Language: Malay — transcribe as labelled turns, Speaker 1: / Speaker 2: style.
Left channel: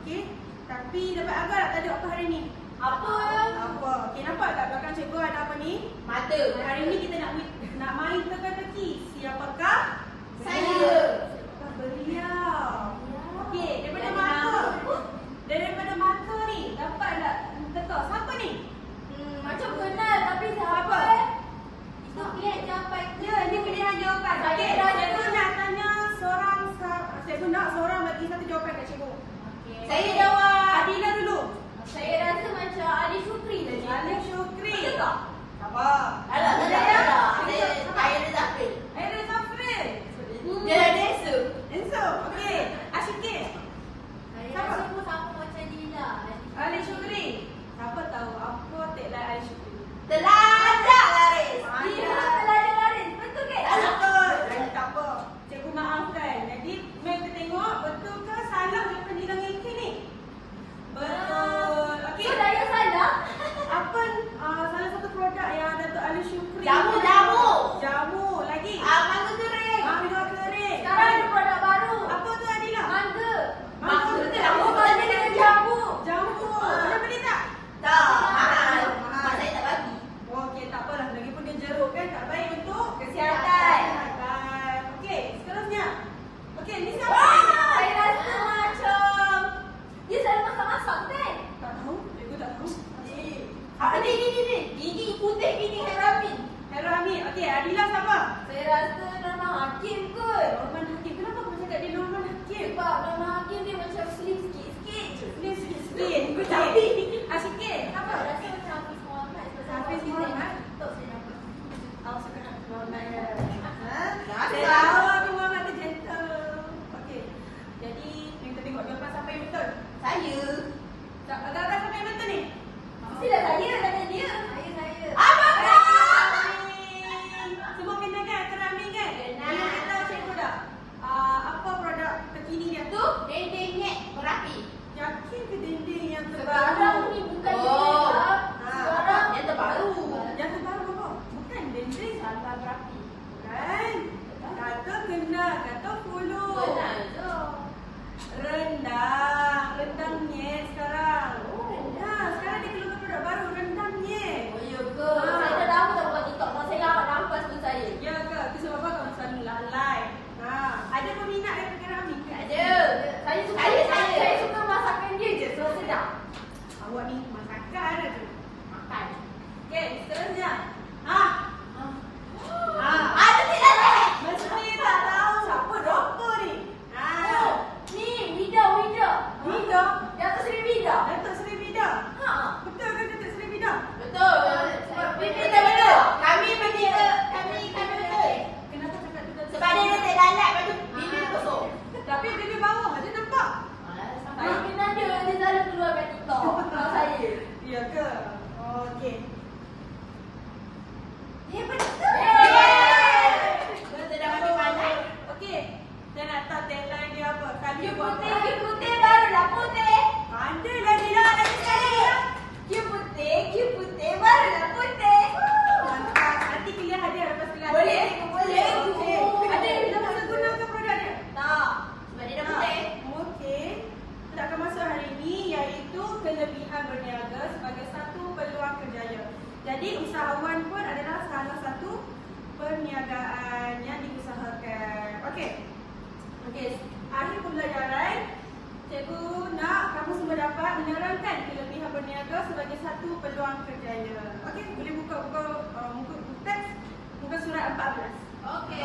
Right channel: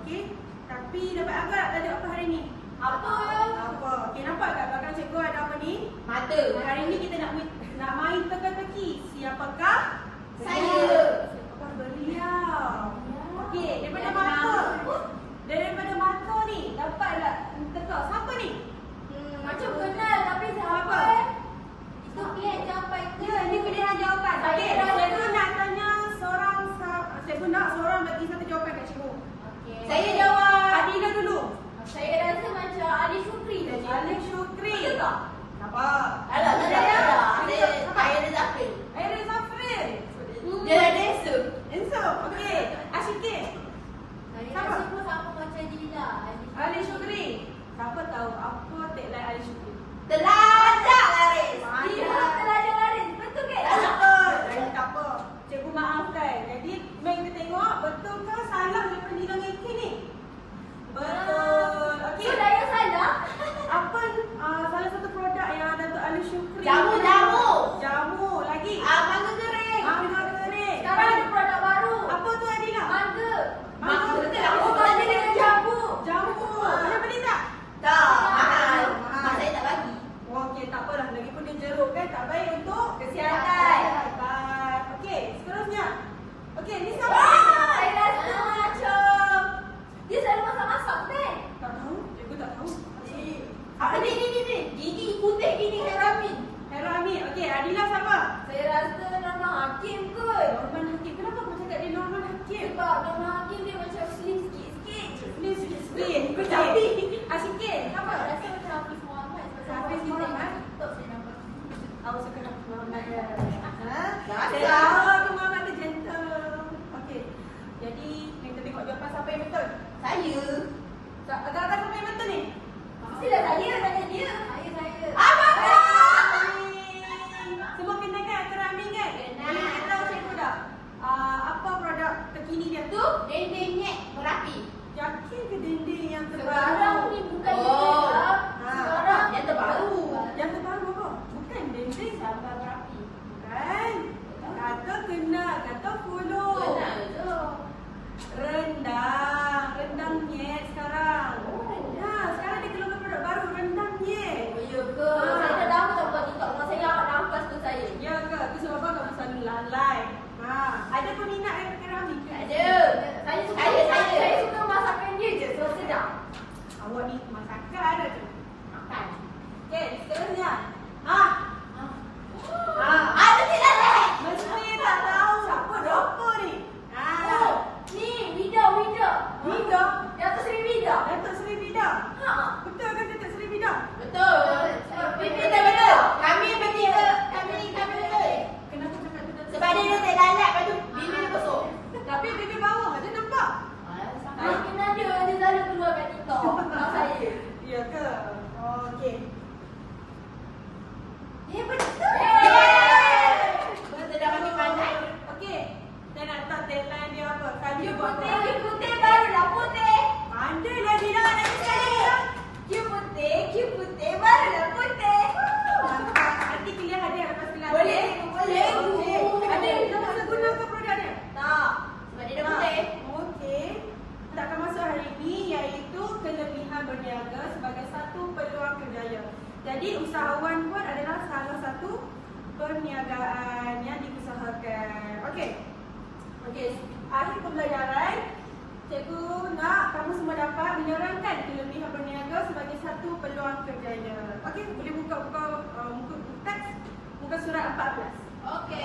Speaker 1: Okey? Tapi dapat agak tak tajuk apa hari ni?
Speaker 2: Apa?
Speaker 1: Apa? Okey, nampak tak belakang cikgu ada apa ni?
Speaker 2: Mata.
Speaker 1: Hari ni kita nak nak main teka-teki. Siapakah?
Speaker 2: Saya.
Speaker 1: Siapakah beliau? Okey, daripada
Speaker 2: Yang
Speaker 1: mata.
Speaker 2: kenal.
Speaker 1: Daripada mata ni, dapat tak teka? Siapa ni?
Speaker 2: Hmm, macam kenal tapi siapa?
Speaker 1: Apa?
Speaker 2: Itu pilihan jawapan ke?
Speaker 1: Ya, ini pilihan jawapan.
Speaker 2: Saya
Speaker 1: Okey,
Speaker 2: dah
Speaker 1: cikgu
Speaker 2: dengar.
Speaker 1: nak tanya seorang sa- cikgu nak seorang bagi satu jawapan kat cikgu.
Speaker 2: Okey. Saya jawab.
Speaker 1: Adila dulu.
Speaker 2: Saya rasa macam Ali Syukri lah je.
Speaker 1: Ali Syukri.
Speaker 2: Betul tak?
Speaker 1: Sabar.
Speaker 2: Alah, tak ada,
Speaker 1: Saya-
Speaker 2: tak ada. Saya
Speaker 1: Siapa?
Speaker 2: saya Zafir.
Speaker 1: Aira Zafrin.
Speaker 2: Dia dah desa.
Speaker 1: Enso. Okey. Asyikin.
Speaker 2: Saya
Speaker 1: Siapa?
Speaker 2: rasa pun sama macam Dila.
Speaker 1: Ali Syukri. Siapa tahu apa tagline Ali Syukri?
Speaker 2: Telajak laris.
Speaker 1: Mana?
Speaker 2: Dia telajak laris. Betul ke?
Speaker 1: Betul. Jadi tak apa. Maafkan. Jadi mari kita tengok betul ke salah daripada Dila Ngeki ni? Betul. Okey.
Speaker 2: So, saya salah.
Speaker 1: Apa uh, salah satu produk yang Datuk Ali Syukri?
Speaker 2: Jamu. Jamu.
Speaker 1: Lagi.
Speaker 2: Ah, mangga kering.
Speaker 1: Mangga kering.
Speaker 2: Sekarang ada produk baru.
Speaker 1: Apa tu Adila?
Speaker 2: Mangga.
Speaker 1: Mangga.
Speaker 2: Betul lah. Oh, mangga dengan jamu.
Speaker 1: Jamu. Boleh beli tak?
Speaker 2: Tak, mahal.
Speaker 1: Mahal.
Speaker 2: Mak saya tak bagi.
Speaker 1: Okey, tak apalah. Lagipun dia jeruk kan tak baik untuk
Speaker 2: Kesihatan.
Speaker 1: Kesihatan. Okey, seterusnya. Okey, ni siapa?
Speaker 2: Wah, saya rasa macam dia selalu masak-masak kan?
Speaker 1: Tak tahu. Cikgu tak tahu.
Speaker 2: Apa ni ni ni ni? Gigi putih gigi Heramin.
Speaker 1: Herami. Okey, Adila siapa?
Speaker 2: Saya rasa Nona Hakim kot.
Speaker 1: Norman Hakim. Kenapa kau cakap dia Norman Hakim?
Speaker 2: Sebab Nona Hakim dia macam slim sikit-sikit je.
Speaker 1: Ni sikit-sikit.
Speaker 2: Tapi
Speaker 1: Asyik.
Speaker 2: Siapa? Rasa macam Hafiz Muhammad. Sebab
Speaker 1: Hafiz Muhammad?
Speaker 2: Tak saya nampak.
Speaker 1: Awak suka Hafiz Muhammad. Ha?
Speaker 2: Tak
Speaker 1: tahu aku Muhammad tu gentle. Okey. Jadi, kita tengok jawapan siapa yang betul.
Speaker 2: Saya.
Speaker 1: Tak- Agak-agak siapa yang betul ni?
Speaker 2: Mestilah saya tanya dia. Saya saya.
Speaker 1: Abang Semua kenal kan Kerami kan?
Speaker 2: Kenal.
Speaker 1: Boleh beritahu cikgu tak? Uh, apa produk terkini dia?
Speaker 2: Tu dendeng nyek merapi.
Speaker 1: Yakin ke dinding yang
Speaker 2: Sekarang
Speaker 1: terbaru?
Speaker 2: ni bukan
Speaker 1: Oh.
Speaker 2: dia.
Speaker 1: Ha.
Speaker 2: Sekarang yang terbaru.
Speaker 1: Yang terbaru apa? Bukan dinding.
Speaker 2: Salah merapi.
Speaker 1: Bukan. Kata kenal, kata follow.
Speaker 2: Kenal tu.
Speaker 1: Rendang. Rendang nyet sekarang.
Speaker 2: Oh.
Speaker 1: Ya, sekarang dia keluarkan produk baru. Rendang nyet.
Speaker 2: Oh ya ke?
Speaker 1: Ha.
Speaker 2: Saya dah lama tak buat TikTok. Kalau saya dapat nafas tu saya.
Speaker 1: Ya ke? Itu sebab apa kamu selalu lalai. Ha. Ada peminat yang kerami ke?
Speaker 2: Ada. Saya suka saya, saya, saya suka masakan dia je. So sedap.
Speaker 1: Awak ni masakan ada tu.
Speaker 2: Makan.
Speaker 1: Okey, seterusnya.
Speaker 2: Ah,
Speaker 1: ada
Speaker 2: dia, selalu keluar kat TikTok. Kalau saya.
Speaker 1: Ya ke? Oh, okey.
Speaker 2: Dia betul. Betul dah mami pandai.
Speaker 1: Okey. Saya nak tahu tagline dia apa. Kali
Speaker 2: Dia
Speaker 1: buat
Speaker 2: putih,
Speaker 1: apa?
Speaker 2: dia putih barulah putih.
Speaker 1: Pandai lah dia lagi sekali.
Speaker 2: Dia putih, dia putih barulah putih.
Speaker 1: Mantap. Nanti kuliah ada lepas kuliah.
Speaker 2: Boleh, boleh.
Speaker 1: Okey. Ada yang dah masa guna ke produk dia?
Speaker 2: Tak. Sebab dia dah putih.
Speaker 1: Okey. Kita akan masuk hari ini iaitu kelebihan berniaga sebagai satu peluang kerjaya. Jadi usahawan pun adalah salah satu perniagaan yang diusahakan. Okey. Okey, akhir pembelajaran Cikgu nak kamu semua dapat menerangkan kelebihan berniaga sebagai satu peluang kerjaya. Okey, boleh buka buka uh, muka buku teks muka surat 14.
Speaker 2: Okey.